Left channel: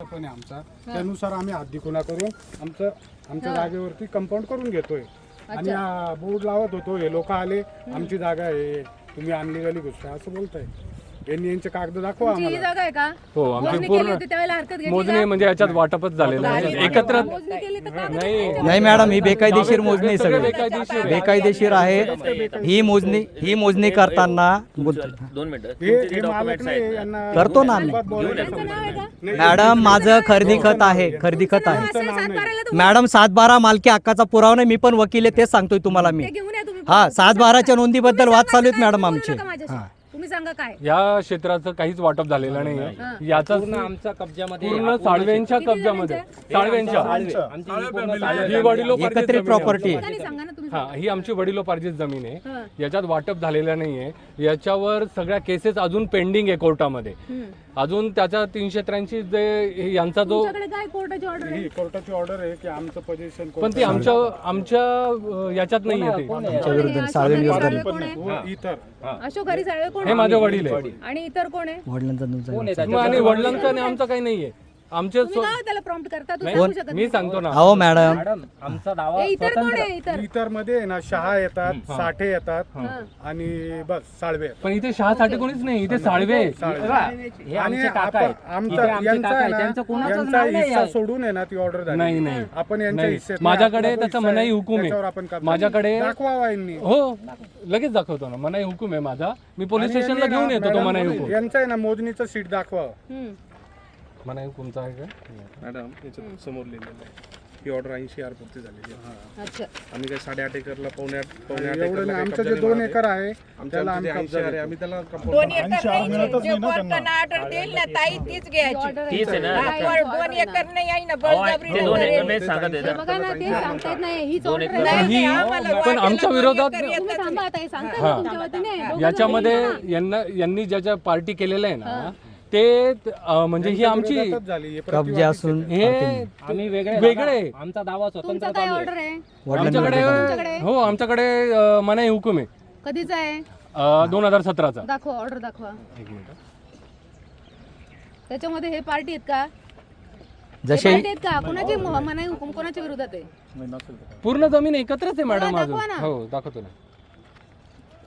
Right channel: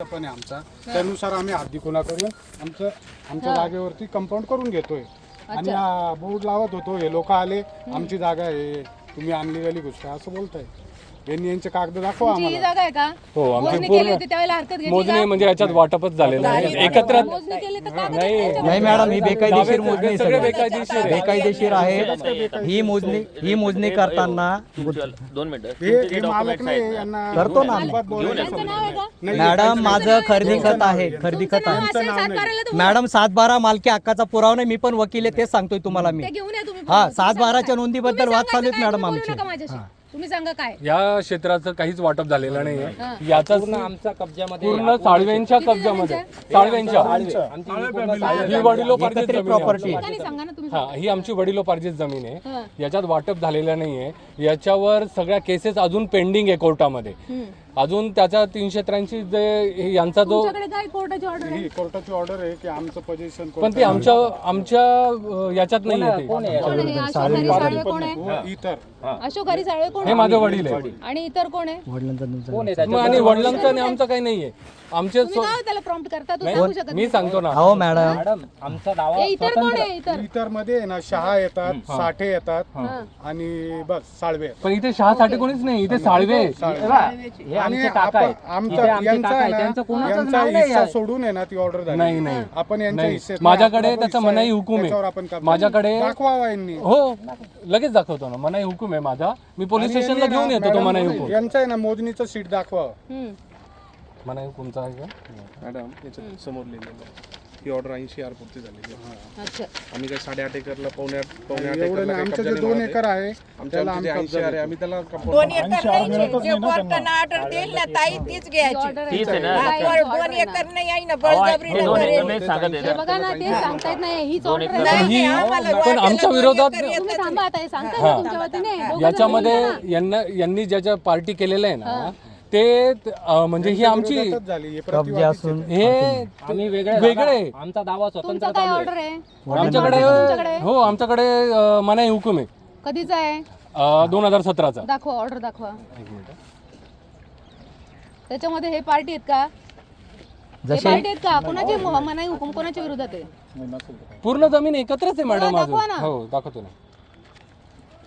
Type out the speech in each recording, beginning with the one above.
पण आहे आमचा, त्यानुसार आम्ही हद्दीकुणा करून आमच्या जागेवरती कंपाऊंड करून घेतोय. आणि बोर्ड लावत होतो, हे लोक आले आमची जागा आहे तुम्ही अनलिगली घुसताय असं बोलताय. यांचे कागद दाखवा आम्हाला. ही जागा आहे का? हो, मोजणी केली होती त्यावेळेला हरकत घेतली मोजणी म्हणजे याच्यात वाटपच झालेलं आहे एकत्र. मोजणी केली तर कागद नाही मॅडम, ही बेकायदेशीर मोजणी आहे, सगळं बेकायदेशीर आहे. ही मोजणी करताना 2 मिनिटं हे मालक नाही यांना करतो ना आम्ही. त्यांचं नाव आहे का? मॅडम माझं खरेदी खत आहे, खरेदी खत आहे असेल सातबाराला तुम्ही मॅडम. 7/12 मालकी हक्काचा पुरावा नाही, मी पण वकील आहे, तेच सांगतोय तुम्हाला मी. ते घेऊन या तुम्ही. हा, 7/12च्या नोंदीबद्दल वाद चालू आहेत मॅडम आमचे. तुम्ही सांगा काय या क्षेत्राचं काहीच वाटप झालेलं नाहीये. याचा आमचा कब्जामध्ये पूर्ण साळवेंच्या कब्जामध्ये ही वडिलोपार्जित एकत्रित जमीन आहे. प्रॉपर्टी आहे. ठिकाणी सांगा ना तुम्ही. हा, ही आमची वडिलोपार्जित जमीन आहे. याच्यात वाटप झालेलं नाहीये. याच्यावर सगळ्या केसेस अजून पेंडिंग आहे कोर्टामध्ये. अजून त्याच्या 383 जे यांचा जो तुमच्याकडे काय कोर्टाची ऑर्डर आहे? ही कोर्टाची ऑर्डर आहे की आमचं पोझिशन पण ती आमच्या याच्यात नाही येते. कोण आहे? अशोक हरी साळवे कोण आहे? इतर अशोक हरी साळवे कोण हे आहे? माझे वडील आहे. आणि इतर कोण आहे? आणि वडिलांचं आणि आमचं काही नाहीये. आमचे तुम्ही काय त्याला प्रॉम्प्ट करता? तू सांगू शकत मी सांगतो ना. हो मॅडम, मॅडम आमचा दावा ए, इतर कोण आहे? इतर इतर मध्ये आहे ना शहा येतात, साठे येतात आणि बस साळवे पण इथे शहासाठी कोणीच नाही, इथे साळवे आहे. हे आणि आमचे काका आहेत. आमचा इथे आमचे यांचा काका आहे आहेत. ना, त्यांचं कोणाचंच यांचा नाव नाही हिस्सा आहे. सोडून आहे ना ती ऑर्डर झाली. नाही नाही आपण यांच्या नाही. हिस्सेत माझ्याकडे आपला त्याचा हिस्सा मनाई आहे, हुकूम त्याच्यावर आहे. आपण करतो. माझ्याकडे दाखवावा यांनी. हो, लगेच दाखवतो ना. मनाई हुकूम आहे माझा. मी पोलीस आणि स्टेशनला यांनी घेऊन ना, येतो तो मॅडम, मनाई हुकूम. यांचं आहे ना मोजणीचं शीट दाखवावं. मनाई हुकूमचा आहे का? मॅडम याच्यात समोर लिहिलेलं आहे ही ऑर्डर 80 आर पुरती झालेली आहे. अच्छा. आम्ही काय 8.5 एकरला पावणे आठ एवढं एकरला नाही, काही आमचं कब्जा जे नाही 2 मारत एकर आहे. आहे आमच्या त्याला जे आम्ही 80 आर आहे आम्ही त्याला कंपाऊंड 2 एकर नाही जे कोर्टानं ऑर्डर देईल ना ताई तीच घ्यायची. तीच आहे ना. हा, 2 एकर नाही आहे ना बळजबरीनं करेल. हे बघा ना, ते सांगतायत नाही हीच ऑर्डर आहे. नाही आम्हाला पण वाट्याला आमच्या 2 विरोधात एकर येतं. तुम्ही थांबा आता, हे सांगताय ना तुमच्या वतीने. दोघं जण याच्यामध्ये बोलून घ्या ना. यांनी ज्या पार्टी केलेलं आहे ना ते म्हणजे ही आमची विरोधातच झाली हे कब्जे प्रतिवादी असून हे आम्ही वेगळे वेगळे आमचा दावा तुमचा स्वतंत्र काय चालू आहे. ऑर्डर आहे? आमच्याकडे हो आमच्याकडे मनाई हुकूम आहे कधीचा आहे? 2017चा. दाखवा, ऑर्डर दाखवा. त्याच्यामध्ये हे पार्टी आहेत का? हे जसे पार्टी आहेत का? कोणाचे मनाई हुकूम कोणाच्या विरोधात आहे? पूर्ण जमीन एकत्रच आहे मॅडम दाखवा अजून. ना. हो, दाखवतो ना.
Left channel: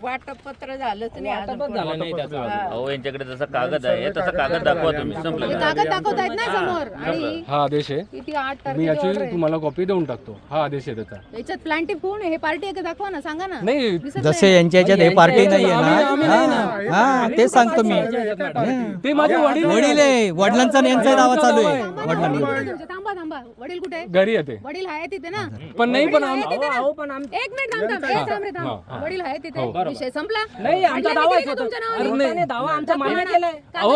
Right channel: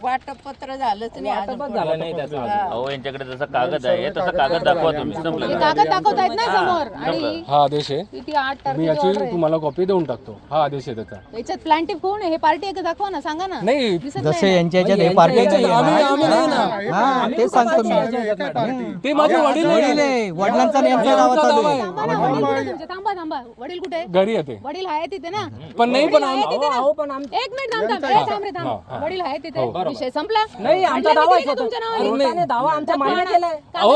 वाटपत्र झालंच नाही अजून. वाटपच झालं नाही त्याचं. अहो यांच्याकडे जसा कागद आहे तसा कागद दाखवा तुम्ही हे संपलं. कागद दाखवतायत ना समोर. आणि हा आदेश आहे. किती 8 मी तारखेची याची ऑर्डर आहे. तुम्हाला कॉपी देऊन टाकतो. हा आदेश आहे त्याचा. याच्यात प्लांटिव्ह कोण आहे? हे पार्टी आहे का? दाखवा ना, सांगा ना. नाही, दिसत जसे नाही ना. यांच्या ह्याच्यात हे पार्टी नाही आहे आम्ही नाही ना. हा, ते सांगतो मी. ते माझे वडील वडील आहे, वडिलांचा आणि यांचा दावा चालू आहे. थांबा ना, वडील कुठे तुमचे? थांबा थांबा. वडील कुठे? घरी येते. वडील आहे तिथे ना. पण नाही, वडील पण आहे तिथे ना. अहो, पण एक मिनिट थांब थांब. ए, थांब रे थांब. वडील आहे तिथे. विषय संपला. नाही, आमचा म्हटलं दावा मी दिली का तुमच्या नावाने? कोर्टाने दावा आमचा मान्य केलाय. अहो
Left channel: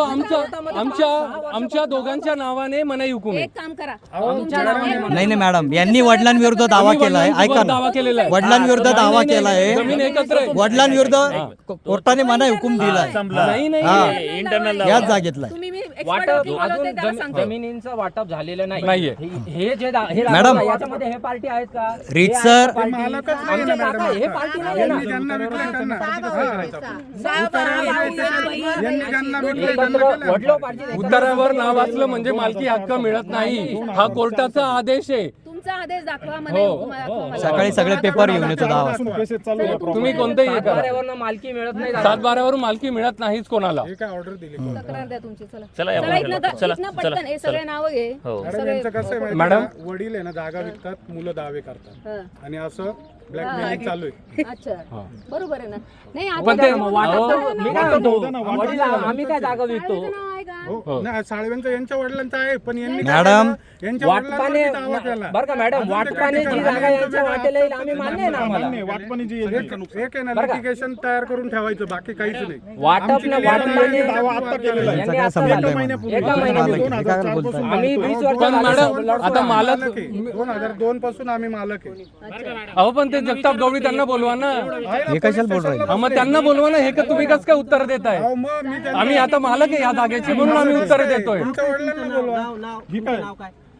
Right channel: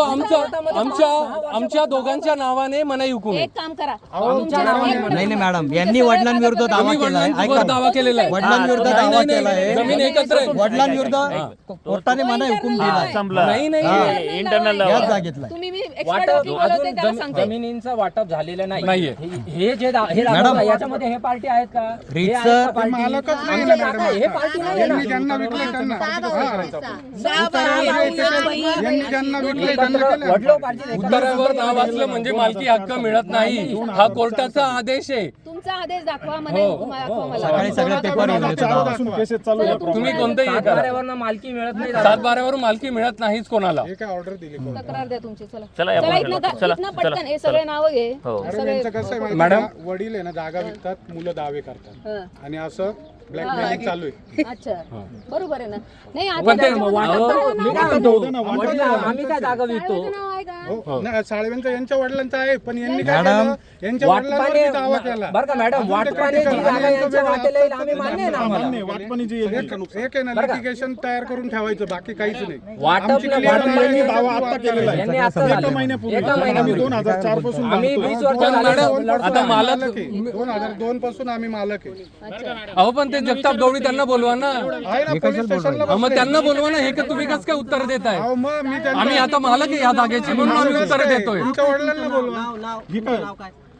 आमच्या दोघांच्या नावाने मनाई हुकूम आहे. एक काम करा. नाही नाही मॅडम, यांनी वडिलांविरुद्ध दावा केलाय. ऐका दावा केलेला आहे. वडिलांविरुद्ध दावा केलाय. जमीन एकत्र आहे. वडिलांविरुद्ध कोर्टाने मनाई हुकूम दिलाय. नाही नाही इंटरनल याच जागेतला. तुम्ही मी एक्सपर्ट वाटप वकील बोलवते त्याला अजून सांगते. जमिनींचं वाटप झालेलं नाहीये. नाही. हे जे हे मॅडम, याच्यामध्ये हे पार्टी आहेत का? रीतसर हे आहेत का party? मालकच नाही ना आमचे मॅडम. काका, हे पार्टी नाही आहे ना. यांनी ज्यांना विकले त्यांना बाबा, यांनी ज्यांना विकले त्यांना केलं. वडिलोपार्जित उत्तरावर नाव असलं म्हणजे मालकी हक्क मिळत नाही. हा कोर्टाचा आदेश आहे. तुमचा आदेश दाखवा. मनाई हुकूम दाखवा मला. सकाळी सगळे पेपर येऊन येतो दावा. तुम्ही कोणतेही करा. सातबाऱ्यावरनं मालकी मिळत नाही. 7/12 मालकी मिळत नाहीच कोणाला. हे काय ऑर्डर दिली कोण? तक्रार द्या तुमची. चला चला या चला बाजूला. इथनं पटकन हे सगळे नावं घे. मॅडम यांचं कसं आहे माहिती मॅडम. आहे का? वडील आहे ना जागा विकतात, मुलं दावे करतात हं. आणि असं ब्लॅकमेलिंग चालू आहे. अच्छा, बरोबर आहे ना. नाही आता पण ते त्याच्यामध्ये वाटप- नाव मी काय म्हणतो, वडील आम्ही काय जागा विकतो? साळवेचं नाव आहे का? हो नाही, साळवेंचा यांच्या वडिलांचा आहे पण यांनी काय मॅडम, केलं? यांच्या वडिलांवरती दावा केला. बरं का मॅडम, अजून ते वाटपाने जी critical जागा आणि यांचं यांच्या वेगळं वाटेला येईल, असतं आम्ही ते मान्य आहे ना मान्य आम्हाला. एक आहे ना लिटिगेशन तयार करून ठेवायचं, बाकी काहीच नाही. वाटप आमची न- clear वाटप आहे, यांनी दावा आता केलेला आहे. यांनी आता झालं. एका महिन्यापूर्वी. 2004 पासून आम्ही 20 वर्ष पण झाले मॅडम, लढतोय. आता मालक- मालक आहे. 2002 पासून आम्ही मालक आहे. अहो पण ते जगताप गवळी त्यांना बोलवा ना. आहे ना, पोलीस स्टेशनला मग त्यांना बोलवा ना. हे का तुम्ही कसं काय उत्तर देताय? अहो, मग मी त्यांना- आम्ही आता मालक आहे या जागेची म्हणून आम्ही उत्तर देतोय. तुमच्या वडिलांना बोलवा.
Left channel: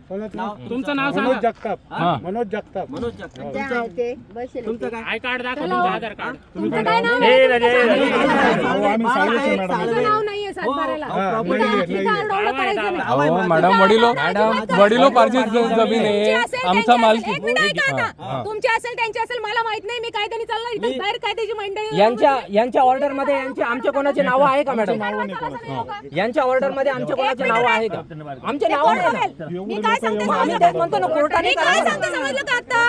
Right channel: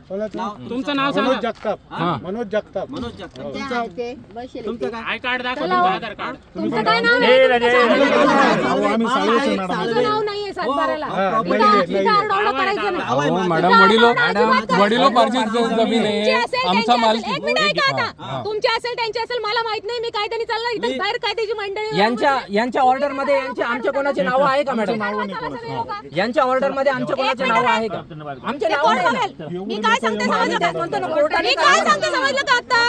तुमचं नाव मनोज जगताप. मनोज जगताप. तुमचं काय नाव आम्ही साळवेचे मॅडम. तुमचं नाव नाहीये सातबाऱ्याला. इथं आरडाओरडा करायचं नाही. वडिलोपार्जित जमीन आहे, आमचा मालकी. एक मिनिट ऐका आता. तुमची असेल त्यांची असेल मला माहित नाही, मी कायद्याने चालणार. इथं बाहेर कायद्याची मंडळी यांच्या ऑर्डर मध्ये आमचे कोणाचे नाव आहे का मॅडम? यांच्या ऑर्डर मध्ये आमचे कोणाचे नाव आहे का? आमचे नाव आहे ना? मी काय सांगते समजलं का? मी काय सांगते समजलं का आता?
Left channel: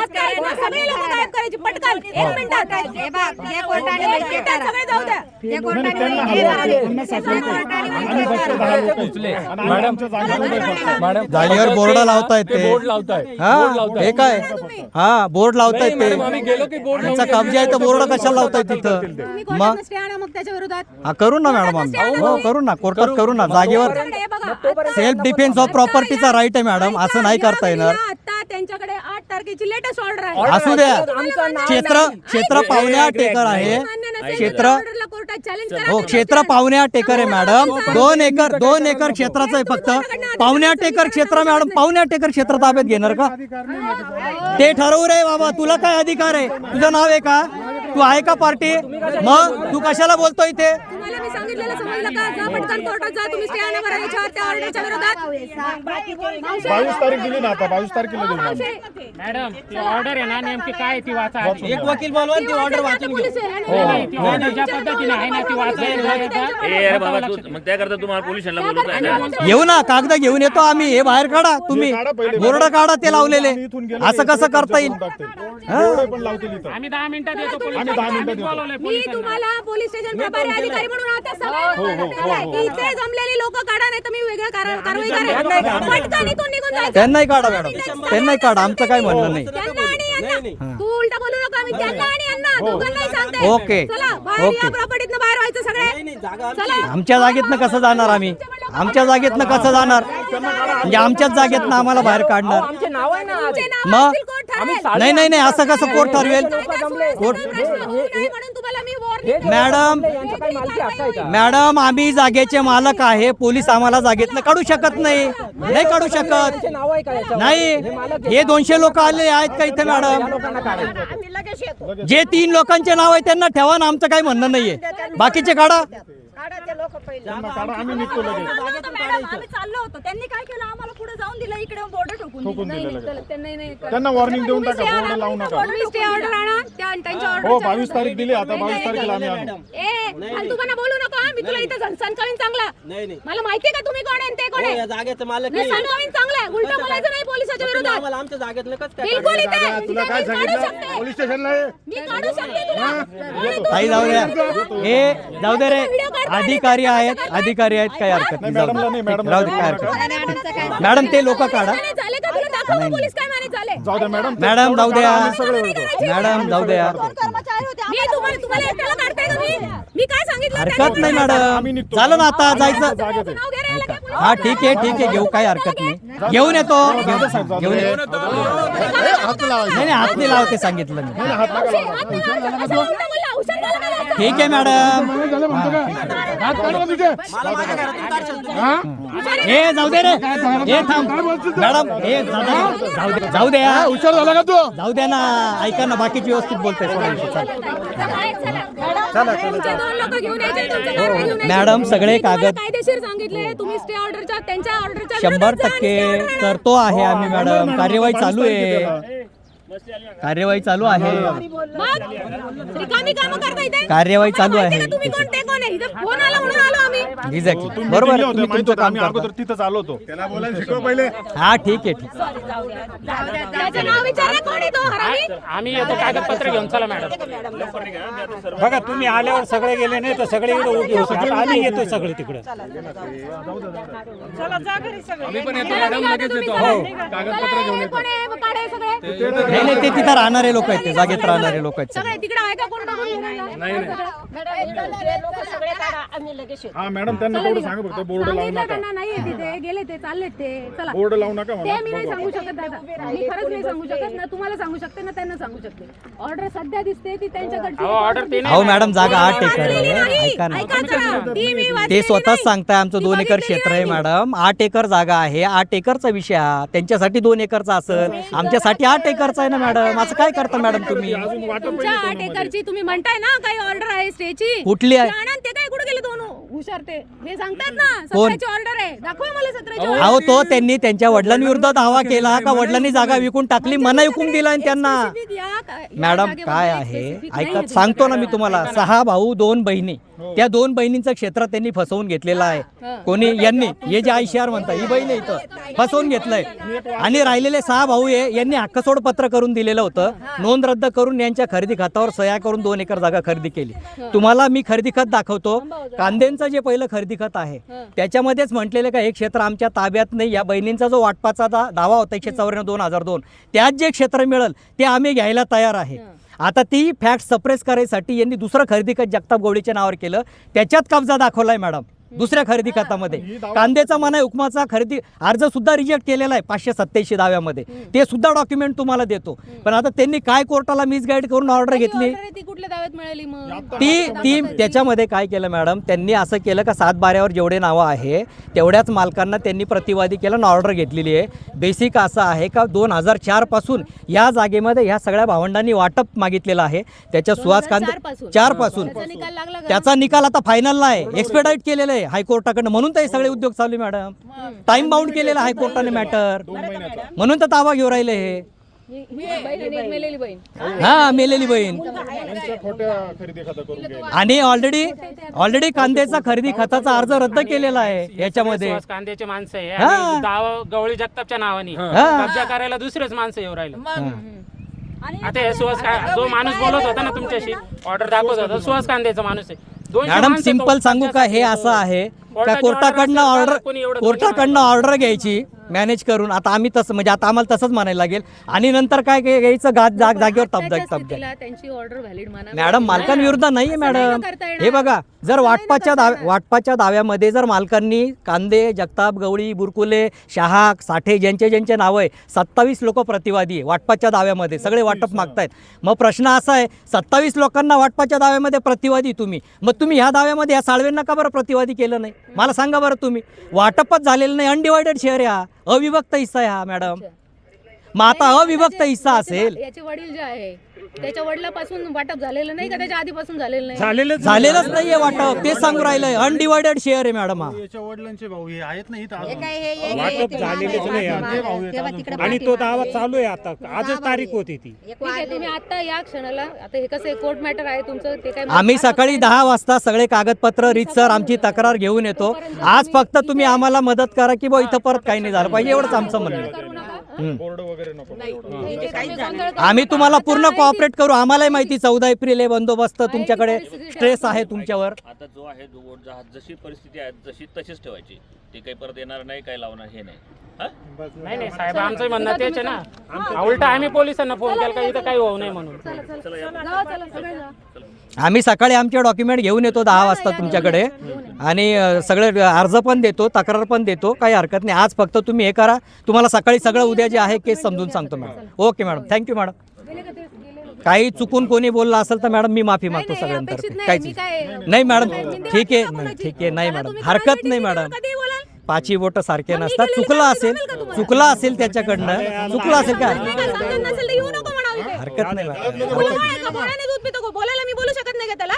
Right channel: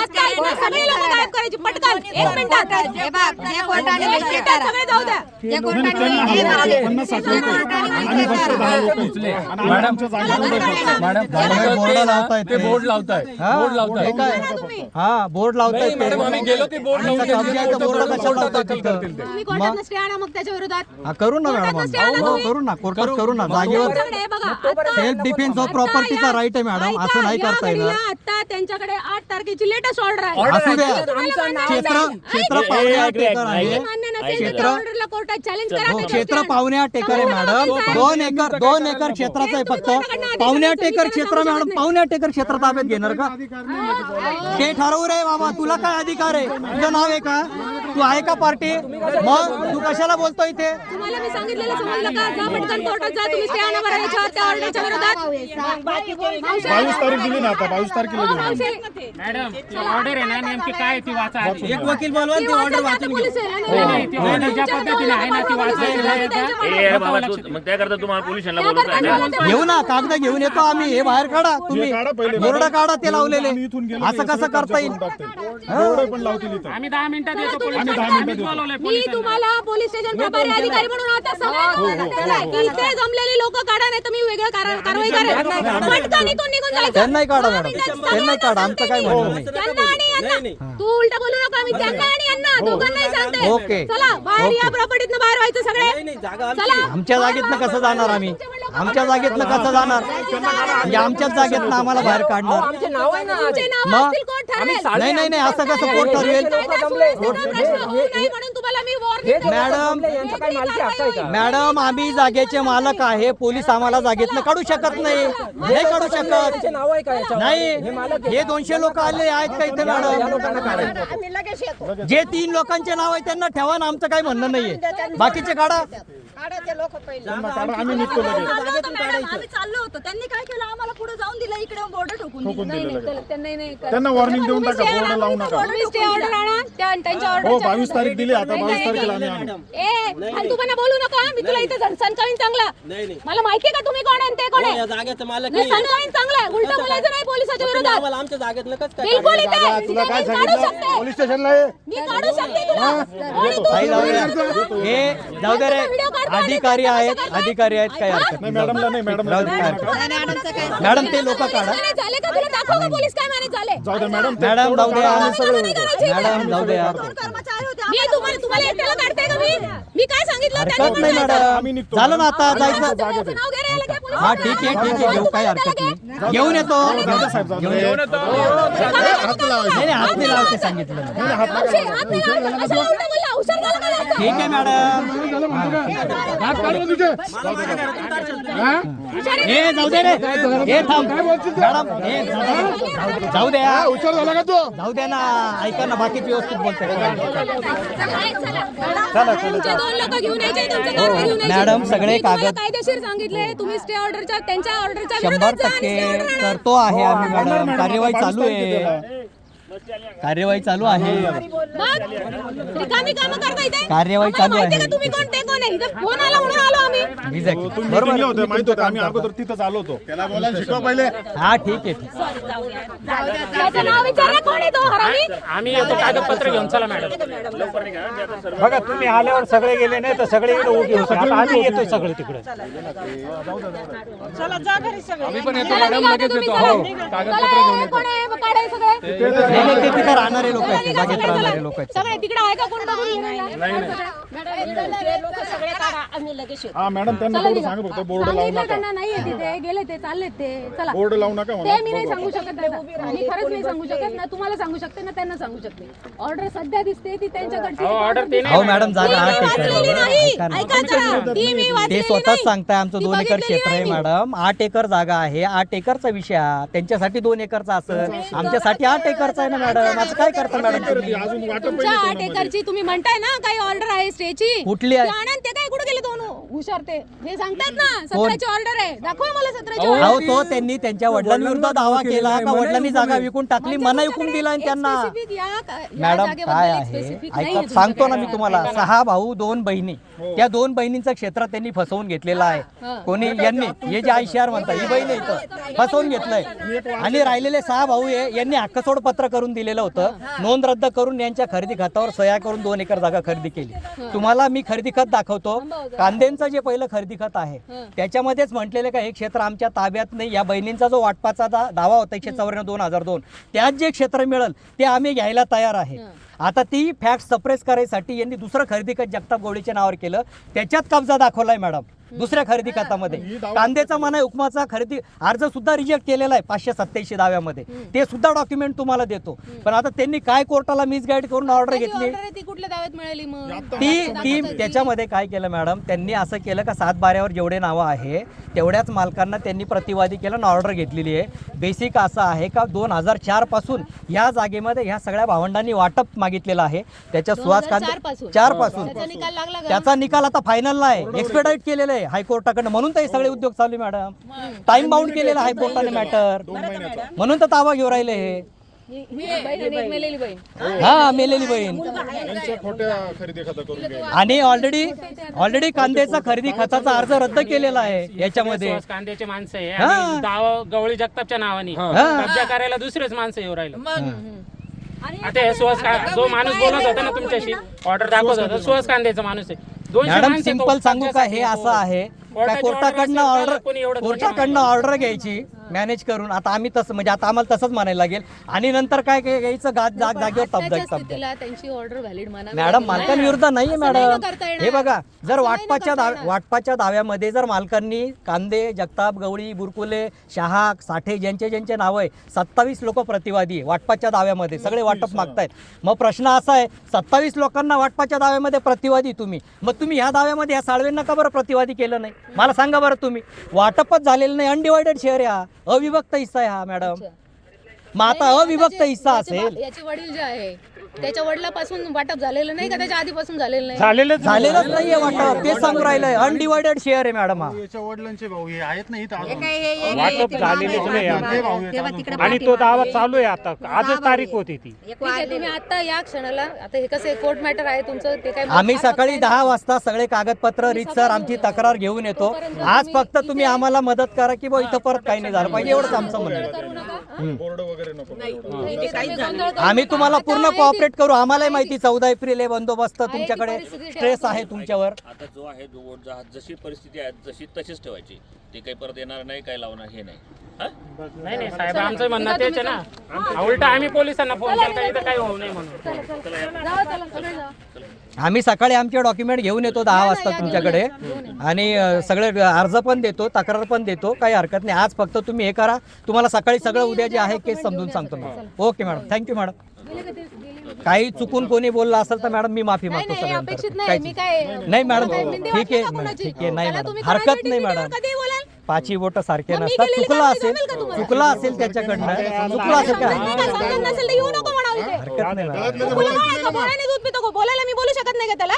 आता इथं सगळे लोक गायब करायची पटकन 1 मिनिटात. सगळे जाऊ द्या. गाडीवर बोर्ड लावतायत ते बोर्ड लावताय. हे काय हा बोर्ड लावतायत ते आम्ही गेलो की बोर्ड आमचा कब्जा आहे तर बोर्ड कशाला लावताय तिथं? तुम्ही कोर्टात स्टे आणा मग त्याच्या विरोधात. हा करू ना मॅडम आम्ही करू ना कोर्टात करू ना जागेवर त्यांच्याकडे हे बघा, आता- सेल्फ डिफेन्स ऑफ प्रॉपर्टीचा राईट आहे मॅडम असं नाही ऐका, करता या येणार घडीला आता त्यांच्याकडे 8 तारखेची लेटेस्ट ऑर्डर आहे. असू द्या तुम्हाला मान्य क्षेत्र पावणे 8 एकर आहे मान्य नसेल, क्षेत्र त्या ऑर्डरला कोर्टात चॅलेंज करा. हो क्षेत्र पावणे 8 एकर आहे मॅडम 2 एकर क्षेत्राचं आहे फक्त पावणे 8 एकर क्षेत्र मॅडम पावणे 8 एकर क्षेत्र ताब्यात घेणार का ते ठरवू रे बाबा तुला काय अधिकार आहे तुझं नाव आहे का तू आहे का पार्टी मग तू कशाला बोलतोय इथे तुम्हाला मी सांगितलेलं समजलं का? जा पटकन कोर्टात जा, तुम्ही स्टे आणा बरं याच्यावर, त्या ऑर्डरच्या विरोधात. 22 तारीख दिली ना आता 22 तारखेला दिली. मावशी, मॅडम ती ऑर्डर आहे ना नेमकी काय ती वाचा. एक वकील बोलवा ती ऑर्डर वाचून पोलीस आहे ना? ती ऑर्डर ज्या पद्धतीने आहे ना ती मग त्याकरता तुम्हाला पोलिसांना बोलवतो आम्ही. घेऊ ना कागद घेऊन येतो आम्ही हे बाहेर काढा तुम्ही बोर्ड काढा ते लावलेले असं कसं करता येईल बोर्ड पण लावतील इथं. आम्ही 10 मिनिटात येतो पोलीस आम्ही 10 मिनिटात येतो. मी तुम्हाला पोलीस स्टेशन प्रभारी अधिकारी म्हणून आता सगळ्यांना ठरवलंय की इथे जमलेली लोक काढा नाही तर मी वेगळं कारवाई करेन. पटकन इथून निघून जायचं. त्यांनाही काढा मॅडम त्यांनाही काढा आमचं काय म्हणणं नाही त्यांना आणि यांना. तू उलट बोलू नका. मी त्यांना आणि यांना दोघांनाही सांगते. ओके. चला बाहेर या प्रॉपर्टीतनं बाहेर व्हायचं सगळे. चला. आमच्या जागेतनं कसं जाणार आम्ही आमच्या जागेतनं कसं जाणार म्हणजे आमच्याच जागेतनं आम्हाला बाहेर काढणार आमचे नाव आहे ना. तुमचे नाव मग? असतील, कोर्ट ठरवेल. नाही असं कसं कोर्ट ठरवेल म्हणून तुम्हाला मी वॉर्निंग मॅडम यांच्या काही मालकी हक्क आहे का? मॅडम आम्ही जागेचे मालक आहे पोलीस आम्हाला जागेतनं काढू शकत नाही काढू शकत यांचे नाव आहे का याच्यावर? नाही हे 200 लोक आले आहेत का इथे मॅडम जे 3 लोकांचे नाव आहे त्यांना ठेवा ना आमचं काही म्हणणं नाहीये बाकीचे काढा आम्ही निघतो लगेच. आम्ही चाललो होतो. त्यांनी काय केलं आम्हाला पुढे जाऊन दिलं इकडे बोर्ड ठोकून दिली. नाही त्यांना वॉर्निंग देऊन टाका बोर्ड लावू नका. स्टे ऑर्डर आणा. त्यांच्या ऑर्डर हो 22 तारीख दिली आता 22 तारखेला आम्ही आणू. फालतूपणा बोलू नका. मी तुला इथं सणकावीन चांगला. मला माहितीये का तुम्ही कोण आहे आणि ते कोण आहे. जागेचं मालक नाही, सणकावीन चांगला आहे. उलटं बोलायचं नाही पोलिसाच्या विरोधात. आमच्या जागेत नकच बिलकुल इथे तुला काय मी काढू सांगितलं शकते. पोलीस स्टेशनला ये. मी काढू शकते तुला. आणि तू- काही जाऊ द्या हे जाऊ दे रे अधिकारी आहेत काही हरकत नाही मॅडमला नाही मॅडम राहू दे, काही हरकत नाही. मॅडम ते लोक काढा मॅनेज झाले का तुला दाखव का पोलीस काय मॅनेज झाले. जाऊ द्या मॅडम मॅडम जाऊ द्या मॅडम जाऊ द्या मी तुम्हाला एकट्याला काढताय का मी काय सांगितलं हरकत नाही मॅडम झालं ना आता जायचं नाव घ्यायला लागलं पोलीस. हा ठीक आहे घेऊ काही हरकत नाही घेऊन येतो घेऊन येतो नाही हात नाही लावते सांगितलं मी. ठीक आहे मॅडम हे जाऊ दे रे हे थांब मॅडम हे जाऊ द्या हुशार झाला का तू जाऊ द्या ना ऐका ना बाकीची व्यवस्थित बोलताय तुमचे 2 लोक घेऊन यायचे, तुमचे कारवाई घेऊन यायची. मॅडम, सगळे मी तुम्हाला कागद- कायदेशीर सांगितले तुम्ही स्टे ऑर्डरच्या त्यांच्या ऑर्डरच्या 100% करतो आहे आम्ही मॅडम कार्यवाही चालू आहे कार्यवाही चालू आहे रिकामी कामं करता इथे. कार्यवाही आम्हाला चालू माहिती आहे. का तुम्ही कोण ते कोण आहे इथं फोन आला म्हणून आलो आम्ही. Exactly. तुम्ही बरोबर दिले आहे, होते तुम्ही माहित तुमचं होतं काम आम्ही करता. अगोदर तिथं आलो होतो त्याला बोलायला शिकवा पहिले हा ठीक आहे त्याचं नाव विचारा कोण आहे तो हरामी. आम्ही येतो कागदपत्र घेऊन चला मॅडम. बघा तुम्ही आल्यावर सगळे गेले नाही तर सगळे इकडे उभे होते आता आम्ही येतोय सगळे तिकडे चला निघा आता तुम्ही चला. चला, हे कोण आहे? काढा हे सगळे. नाही नाही, ते तिथे राहणारे लोक आहेत, ते जागेत राहणारे लोक आहेत सगळे तिकडे आहे का कोण बघून हा मॅडम त्यांना थोडं सांगा फक्त बोर्ड लावू नका. त्यांना नाहीये तिथे गेले ते चालले ते चला बोर्ड लावू नका ते म्हणा. मी नाही सांगू शकत दादा. मी खरंच नाही सांगू शकत ना तुम्हाला सांगू शकते ना त्यांना सांगू शकते ऑर्डर सध्या दिसते ती त्यांच्याकडची हो मॅडम जागा 8 एकर वाचलेली आहे. नाही. ऐका ना. ऐका जरा. ती मी ते वाचलेली स्वतःच नाही. सांगताय आमचं ती 2 एकर बघितलेली क्षेत्र आहे नाही. मॅडम. 8 एकर जागा आहे. 8 एकरचा विषय हा. त्यांच्यासाठी 2 एकरचा असेल, आमच्यासाठी 8 एकरचा आहे ना मॅडम. असं काय करता मॅडम तुम्ही? अजून वाटप तुमच्या 8 एकरची तुम्ही म्हणताय ना काही ऑर्डर आहे स्टेची कुठली आहे? आनंद ते काय कुठे गेले दोन हुशार ते हे सांगतात ना 17ची ऑर्डर आहे दाखवा मला 17ची ऑर्डर अहो तो त्यांनी त्यांच्या वडिलांविरुद्ध दावा केला का वडिलांनी जागा विकून टाकली, मना विकून दिला आणि त्यांना. मॅडम काय आहे ऐका, सांगतो ना मी तुम्हाला. 6 भाऊ 2 बहिणी, त्या 2 बहिणींचं क्षेत्र त्यांनी फसवून घेतलेलं आहे. कोणी यांनी, हे जे आयशीआर म्हणतात ही बहीण आहे इथं, फसवून घेतलंय. आणि राहिलेले 6 भाऊ आहे यांनी हक्कसोड पत्र करून दिलेलं होतं, नोंद रद्द करून यांच्या खरेदी खात्यावर सह्या करून 2 एकर जागा खरेदी केली. तुम्हाला मी खरेदी खत दाखवतो. कांद्यांचं जे पहिलं खरेदी खत आहे त्याच्यामध्येच म्हटलेलं का हे क्षेत्र आमच्या ताब्यात नाही. या बहिणींचा जो वाटपाचा दावा होता 194/2002, त्यात जे क्षेत्र मिळेल ते आम्ही घ्यायला तयार आहे. आता ती फॅक्ट सप्रेस करायसाठी यांनी दुसरं खरेदी खत जगताप गवळीच्या नावावर केलं, त्याच्यात कब्जा दाखवलाय मॅडम. दुसऱ्या खरेदी खतामध्ये कांद्याचा मना हुकमाचा खरेदी अर्ज सुद्धा रिजेक्ट केलेला आहे 587 दाव्यामध्ये. ते सुद्धा डॉक्युमेंट तुम्हाला देतो. पण आता त्यांनी काय कोर्टाला मिसगाईड करून ऑर्डर घेतली, ती कुठल्या दाव्यात मिळाली मग ती त्याच्यामध्ये काय केलं मॅडम, त्यांनी असं केलं का 7/12 जेवढे नावं आहे तेवढ्याच मालकांना त्यांनी प्रतिवादी केलं आणि ऑर्डर घेतलेली आहे. बेसिक असं आहे का 2004 पासून या जागेमध्ये ह्या सगळ्या भावंडांनी वाटप मागितलेलं आहे. त्याच्या सुहास कांदे 4 पासून त्याचा निकाल लागला का? त्याचा निकाल आता फायनलला आहे, एक्सपेडाईट केलेलं आहे हायकोर्टाकडनं. म्हणून तर हे सगळे उद्योग चालू आहे मॅडम. टाइम बाउंड केलेला हायकोर्टाने मॅटर, म्हणून तर ताबा घेऊन राहिले हे. ही बहीण आणि एक मेलेली बहीण हा मेलेली बहीण. खोट्या खरेदी खाता करून घ्या. आणि ऑलरेडी कांद्याचा खरेदी खताचा अर्ज रद्द केलेला आहे याच्यामध्ये. कांद्याचे माणसं आहे आणि दावा गवळी जगतापच्या नावाने कब्जा करायला दुसरेच माणसं येऊ राहिले. आता हे सुहास जो माणूस बोलत होता ना तुमच्याशी, ऑर्डर दाखवत होता, सुहास कांद्याचा माणूस आहे. 200 मॅडम माणसं सिंपल तो सांगू का, हे 50 असं आहे का कोर्टाची कोर्टाकडनं order ऑर्डर कोणी एवढं कोर्टाकडनं ऑर्डर घ्यायची मॅनेज करून. आता आम्ही तसं म्हणजे आता आम्हाला तसंच म्हणायला लागेल. आणि नंतर काय घ्यायचं जागेवर आत्ताच्या तब्जा. स्थितीला त्यांची ऑर्डर व्हॅलिड म्हणा मॅडम मालकांविरुद्ध नाहीये मॅडम. करता येणार. हे बघा, जर वाटपाच्या दाव्यामध्ये जर मालकांनी कांदे, जगताप गवळी, बुरकुले, शहा, साठे ज्यांचे नाव आहे 27 लोक प्रतिवादी आहे वाटपाच्या दाव्यामध्ये, सगळे वाटप मागतायत. मग प्रश्न असा आहे 27 लोकांना वाटपाच्या दाव्यामध्ये प्रतिवादी तुम्ही, मग तुम्ही ह्या दाव्यामध्ये या साळवेंना का बरं प्रतिवादी केलं नाही मला सांगा बरं. तुम्ही वाटपच झालेलं नाही, अनडिवायडेड शेअर आहे, अविभक्त हिस्सा आहे हा मॅडम. मग आता अविभक्त हिस्सा असेल, याचे वडील जे आहे त्याच्या वडिलापासून वाटप झालेलं नाही का त्याच्या आधीपासून झालेलं नाही? झालेलंच नाहीये वाटप, तेच सांगू राहिलंय. अनडिवायडेड शेअर आहे मॅडम हा. याच्या वडिलांचे भाऊ हे आहेत ना इथं अजून. वाटप झालेलेच नाही आणि तो दावा चालू आहे. आता आजच तारीख होती ती. ठीक आहे, तुम्ही आता या क्षणाला आता हे कसं कोर्ट मॅटर आहे तुमचं ते काय आम्ही सकाळी 10 वाजता सगळे कागदपत्र रीतसर आमची तक्रार घेऊन येतो. आज फक्त तुम्ही आम्हाला मदत करा की बा इथं परत काही नाही झालं पाहिजे, एवढंच आमचं म्हणणं आहे. बोर्ड वगैरे नको. आम्ही तुम्हाला पूर्ण कोऑपरेट करू. आम्हालाही माहिती 14 एप्रिल आहे बंदोबस्त, तुमच्याकडे स्ट्रेस आहे तुमच्यावर. आता जो आहे जशी परिस्थिती आहे जशी तशीच ठेवायची. ते काही परत येणार नाही, काही लावणार हे नाही. नाही साहेब, आमचं म्हणणं तेच आहे ना. उलट आम्ही पोलिसांना फोन केला का इथं काही होऊ नये म्हणून. आम्ही सकाळी आमचे डॉक्युमेंट घेऊन येतो 10 वाजता तुमच्याकडे आणि सगळे अर्ज पण देतो, तक्रार पण देतो, काही हरकत नाही. आज फक्त तुम्ही हे करा, तुम्हाला सकाळी सगळं उद्या जे आहे केस समजून सांगतो madam. Okay madam, thank you madam. काही चुकून कोणी बोललं असेल तर मॅडम मी माफी मागतो सगळ्यांतर. काहीच नाही मॅडम, ठीक आहे नाही मॅडम, हरकत नाही मॅडम. 5 बोट सारखे नसतात. चुकलं असेल त्याच्याकडनं, चुकलं असेल काय हरकत नाही मॅडम. बोलायला मी बोलू शकत नाही का त्याला?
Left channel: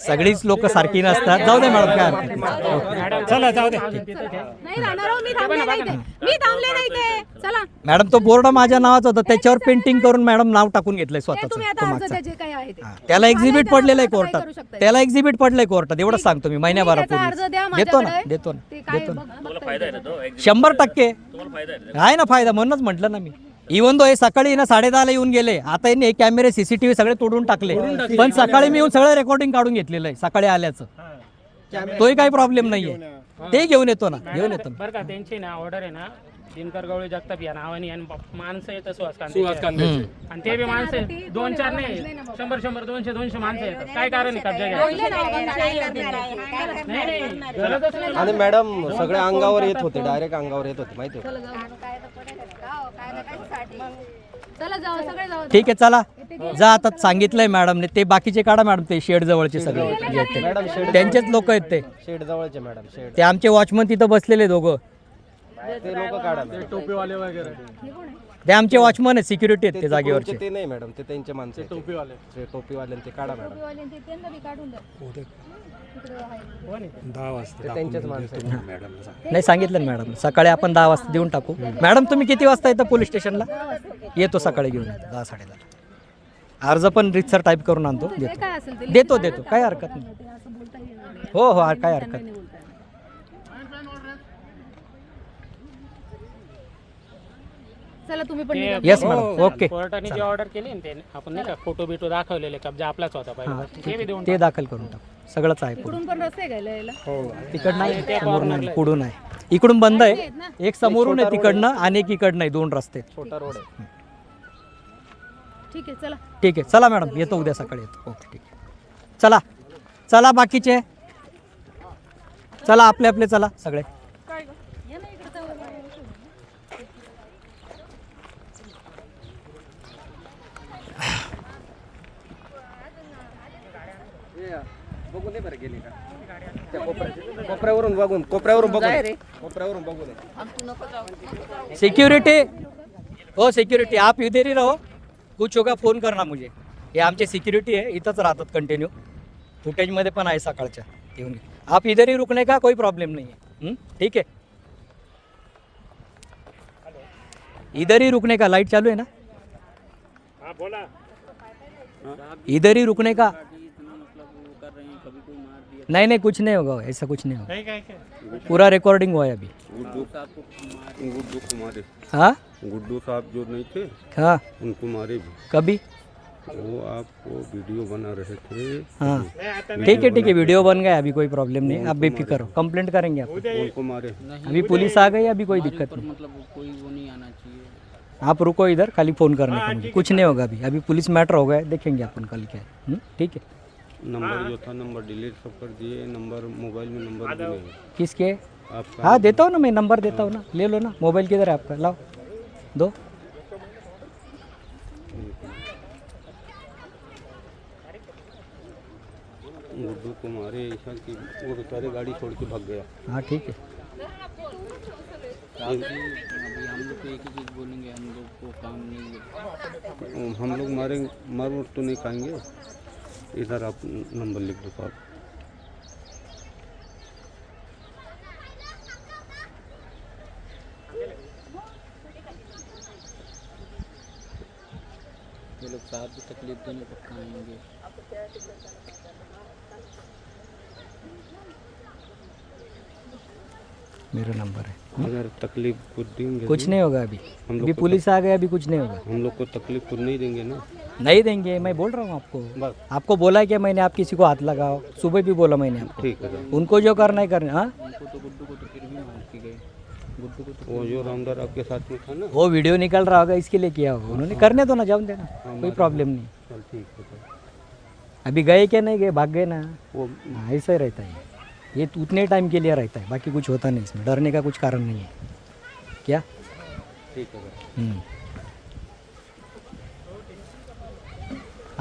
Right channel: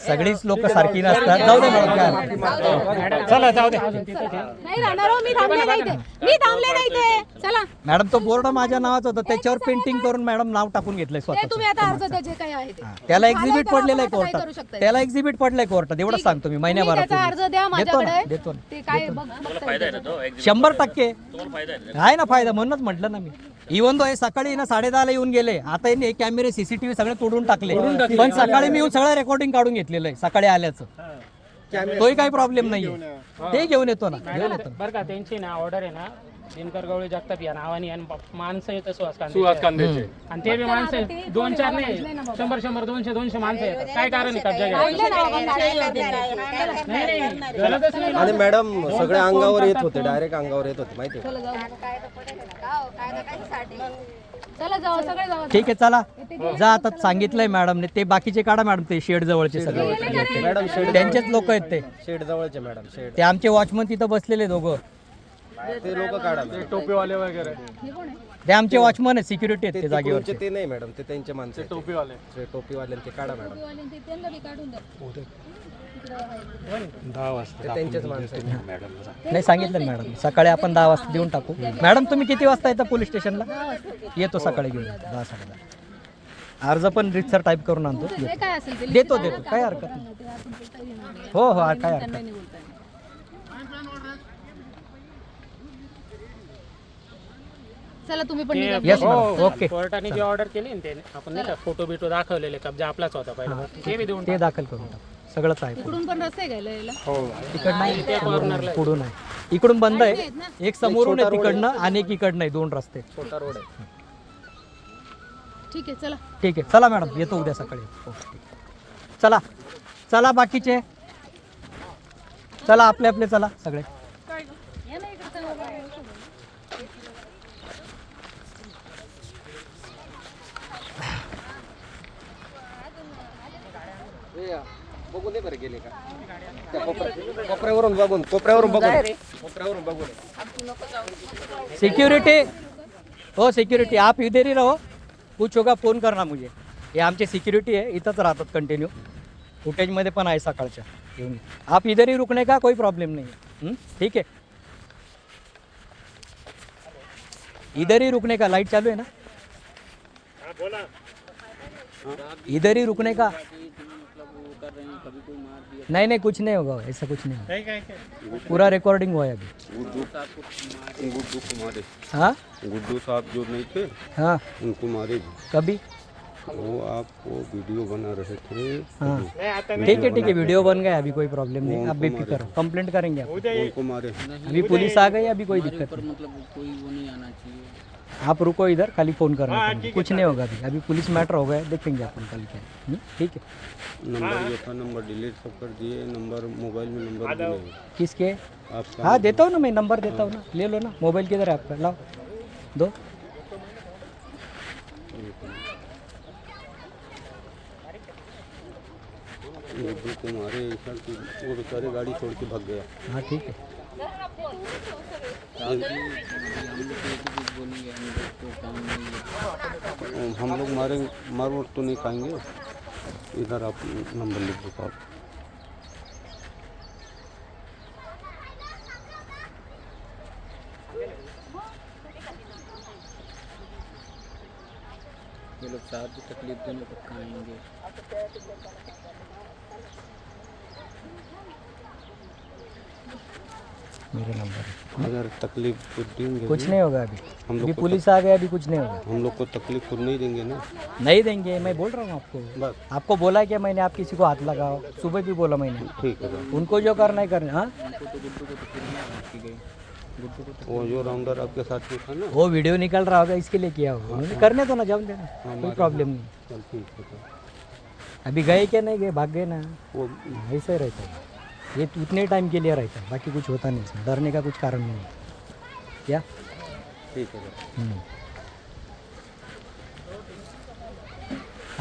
सगळीच लोक सारखी नसतात. जाऊ दे मॅडम, काय हरकत नाही. चला जाऊ दे. नाही राहणार हो, मी थांबले नाही ते. चला मॅडम तो बोर्ड माझ्या नावाचा होता, त्याच्यावर पेंटिंग करून मॅडम नाव टाकून घेतलंय ते तुम्ही आता अर्ज स्वतःच. जे काही आहे ते त्याला एक्झिबिट पडलेलं आहे करू कोर्टात, शकताय. त्याला एक्झिबिट पडलंय कोर्टात, एवढं सांगतो मी महिन्याभरात. त्याचा अर्ज द्या देतो ना, माझ्याकडे. देतो ना. ते काय तुम्हाला फायदा आहे ना तो? 100% तुम्हाला फायदा आहे ना? आहे ना फायदा, म्हणूनच म्हटलं ना मी. इव्हन दो हे सकाळी ना 10:30 येऊन गेले, आता यांनी कॅमेरे CCTV सगळे तोडून टाकले. पण सकाळी मी येऊन सगळं रेकॉर्डिंग काढून घेतलेलं आहे सकाळी आल्याचं. तोही काही प्रॉब्लेम नाहीये, ते घेऊन येतो ना, घेऊन येतो. बरं का, त्यांची ना ऑर्डर आहे ना दिनकर गवळी जगताप या नावाने आणि माणसं येतं सुहास सुहास कांदे कांद्याचे आणि ते बी माणसं 2-4 नाही 100-100 200-200 माणसं येतात. काय कारण आहे कब्जा घ्यायचं? नाही गरजच नाही. आणि मॅडम सगळे अंगावर येत होते, डायरेक्ट अंगावर येत होते माहिती आहे? चला जाऊ सगळे जाऊ. ठीक आहे चला जा, आता सांगितलंय मॅडमने. ते बाकीचे काढा मॅडम, ते शेड जवळचे सगळे मॅडम शेड त्यांचेच लोक आहेत ते. शेड जवळचे मॅडम, शेड ते आमचे वॉचमन तिथं बसलेले दोघं, ते लोक काढा मॅडम. टोपीवाले वगैरे ते आमचे वॉचमन आहेत, सिक्युरिटी आहेत ते ते जागेवरचे. ते नाही मॅडम, ते त्यांचे माणसं आहेत. टोपीवाले ते टोपीवाल्यांचे काढा मॅडम, ते त्यांचेच माणसं आहेत. नाही सांगितलं ना मॅडम, सकाळी आपण 10 वाजता देऊन टाकू. मॅडम तुम्ही किती वाजता येतं पोलीस स्टेशनला? येतो सकाळी घेऊन 10-10:30. अर्ज पण रितसर टाईप करून आणतो, काय असेल ते देतो काय हरकत नाही. हो हो काय हरकत नाही. चला तुम्ही पण निघा. Yes madam, okay. कोर्टाने जी ऑर्डर केली ना त्याने, आपण नाही का फोटो बिटो दाखवलेले, कब्जा आपलाच होता पहिला, ते बी देऊन ते दाखल करून टाकू. सगळंच आहे इकडून पण रस्ते घ्यायला यायला. तिकडनं पुढून आहे, इकडून बंद आहे. एक समोरून आहे तिकडनं आणि एक इकडनं आहे, 2 रस्ते. छोटा रोड आहे. ठीक आहे चला. ठीक आहे चला मॅडम, येतो उद्या सकाळी. ओके ठीक आहे, चला चला बाकीचे चला, आपले आपले चला सगळे. बघून दे बरं गेले का त्या कोपऱ्यावरून बघून सिक्योरिटी हो, सिक्योरिटी आप इधर ही रहो, कुछ होगा फोन करना मुझे. हे आमचे सिक्युरिटी आहे, इथंच राहतात कंटिन्यू. फुटेजमध्ये पण आहे सकाळच्या. येऊन घे. आप इधर ही रुकने का कोई प्रॉब्लम नहीं है. ठीक है, इधर ही रुकने का. लाइट चालू है ना? इधर ही रुकने का. नहीं नहीं कुछ नहीं होगा, ऐसा कुछ नहीं होगा. पूरा रिकॉर्डिंग हुआ है अभी. गुड्डू कुमार, हाँ गुड्डू साहब जो नहीं थे हाँ, उनको मारे जी. कभी. वो आपको वीडियो बना रहे थे. हाँ ठीक है, वीडियो बन गया, अभी कोई प्रॉब्लम नहीं. आप बेफिक्र हो, कंप्लेंट करेंगे आप. उनको मारे. अभी पुलिस आ गई, अभी कोई दिक्कत नहीं. मतलब कोई वो नहीं आना चाहिए. आप रुको इधर, खाली फोन करना. कुछ नहीं होगा अभी पुलिस मैटर हो गया, देखेंगे अपन कल क्या है. ठीक है. नंबर जो था नंबर डिलीट सब कर दिए. नंबर मोबाइल में नंबर भी नहीं. किसके? आपका हाँ देता हूँ ना मैं, नंबर देता हूँ ना, ले लो ना. मोबाइल किधर है आपका? लाओ दो. गुड्डू को मारे ऐसा कि वो बेचारे गाड़ी छोड़ के भाग गया. हाँ ठीक है. हम लोग मार तो नहीं पाएंगे. इधर आप नंबर लिख दो आप. ये लोग साहब की तकलीफ देने तक आएंगे. मेरा नंबर है. अगर तकलीफ तो देंगे. कुछ नहीं होगा अभी पुलिस आ गया, अभी कुछ नहीं होगा. हम लोग को तकलीफ तो नहीं देंगे ना. नहीं देंगे, मैं बोल रहा हूँ आपको. बस आपको बोला है कि मैंने आप किसी को हाथ लगाओ, सुबह भी बोला मैंने आपको. ठीक है. उनको जो करना है करना. हाँ वो जो राउंडर आपके साथ में था ना. वो वीडियो निकल रहा होगा, इसके लिए किया होगा उन्होंने. करने दो ना, जाओ देना, कोई प्रॉब्लम नहीं. चल ठीक है. तो अभी गए क्या नहीं गए, भाग गए ना. वो ऐसा ही रहता है, ये उतने टाइम के लिए रहता है, बाकी कुछ होता नहीं इसमें. डरने का कुछ कारण नहीं है. क्या? ठीक है.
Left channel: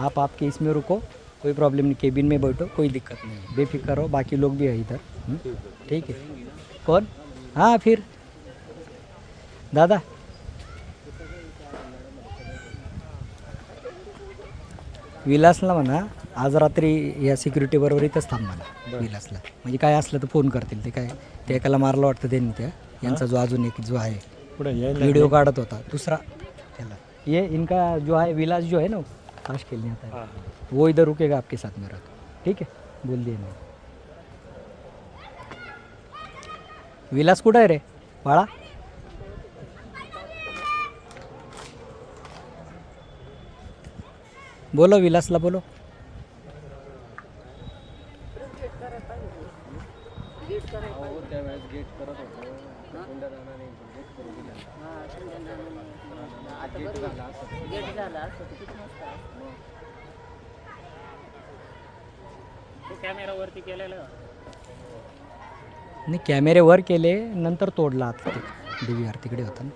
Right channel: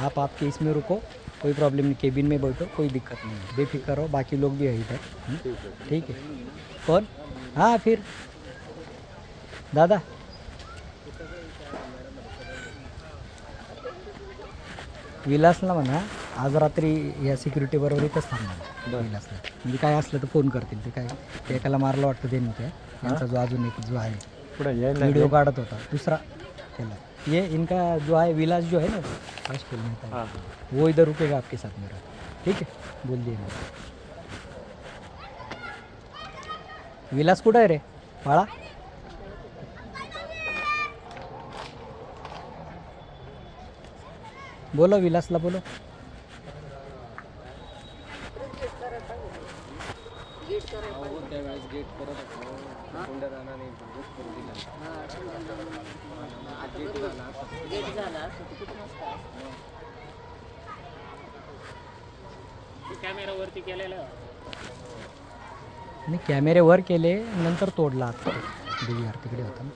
आप आपके इसमें रुको, कोई प्रॉब्लम नहीं. केबिन में बैठो, कोई दिक्कत नहीं है. बेफिक्र हो, बाकी लोग भी है इधर. ठीक है. कौन? हाँ फिर दादा विलासला म्हणा, आज रात्री या सिक्युरिटी बरोबर इथंच थांबणार विलासला. म्हणजे काय असलं तर फोन करतील. ते काय ते एकाला मारलं वाटतं त्यांनी, त्या यांचा जो अजून एक जो आहे व्हिडिओ काढत होता दूसरा त्याला. ये इनका जो है विलास जो है ना, पास खेलने का, वो इधर रुकेगा आपके साथ मेरा. ठीक है, बोल दिए मैं. विलास कुठं आहे रे बाळा? बोलो विलासला बोलो. त्यावेळेस गेट करत होतो. कॅमेरा वरती केलेलं आणि कॅमेरे वर केले नंतर तोडला आता DVR तिकडे होता ना.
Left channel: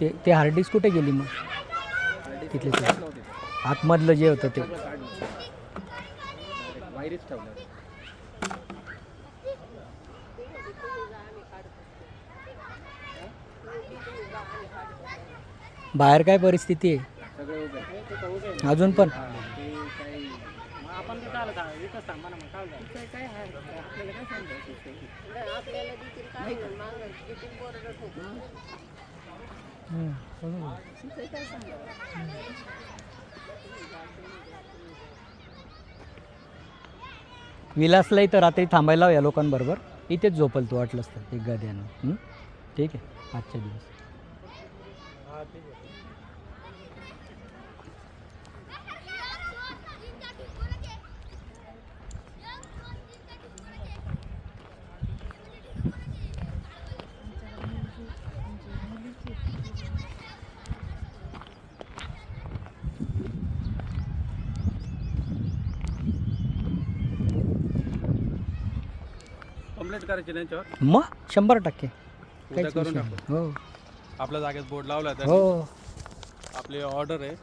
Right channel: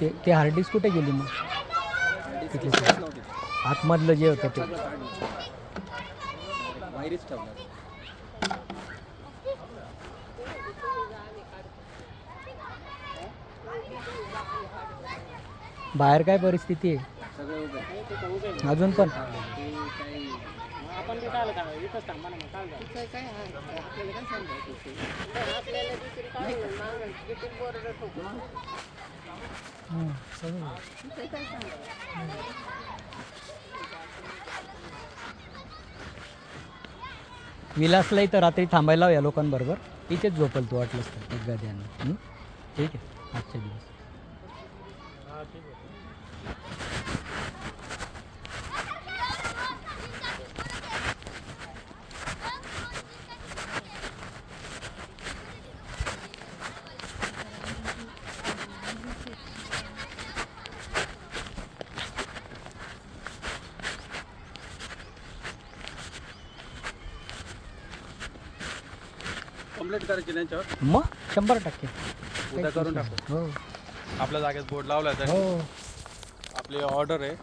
ते हार्ड डिस्क कुठे गेली मग तिथले आतमधलं जे होतं ते बाहेरच ठेवलं. बाहेर काय परिस्थिती आहे सगळे उभे अजून पण आपण तिथं आलं का इथंच थांबा ना मग काय झालं विलासला इथं रात्री थांबायला या लोकांबरोबर इथेच झोपल तू वाटलंस तर एक गाद्यानं. ठीक आहे आजच्या दिवस. कंप्लीट करायची त्यांच्यावर. मग 100% उद्या करून हो आपल्या जागेत बोर्ड लावला हो आपली ऑर्डर आहे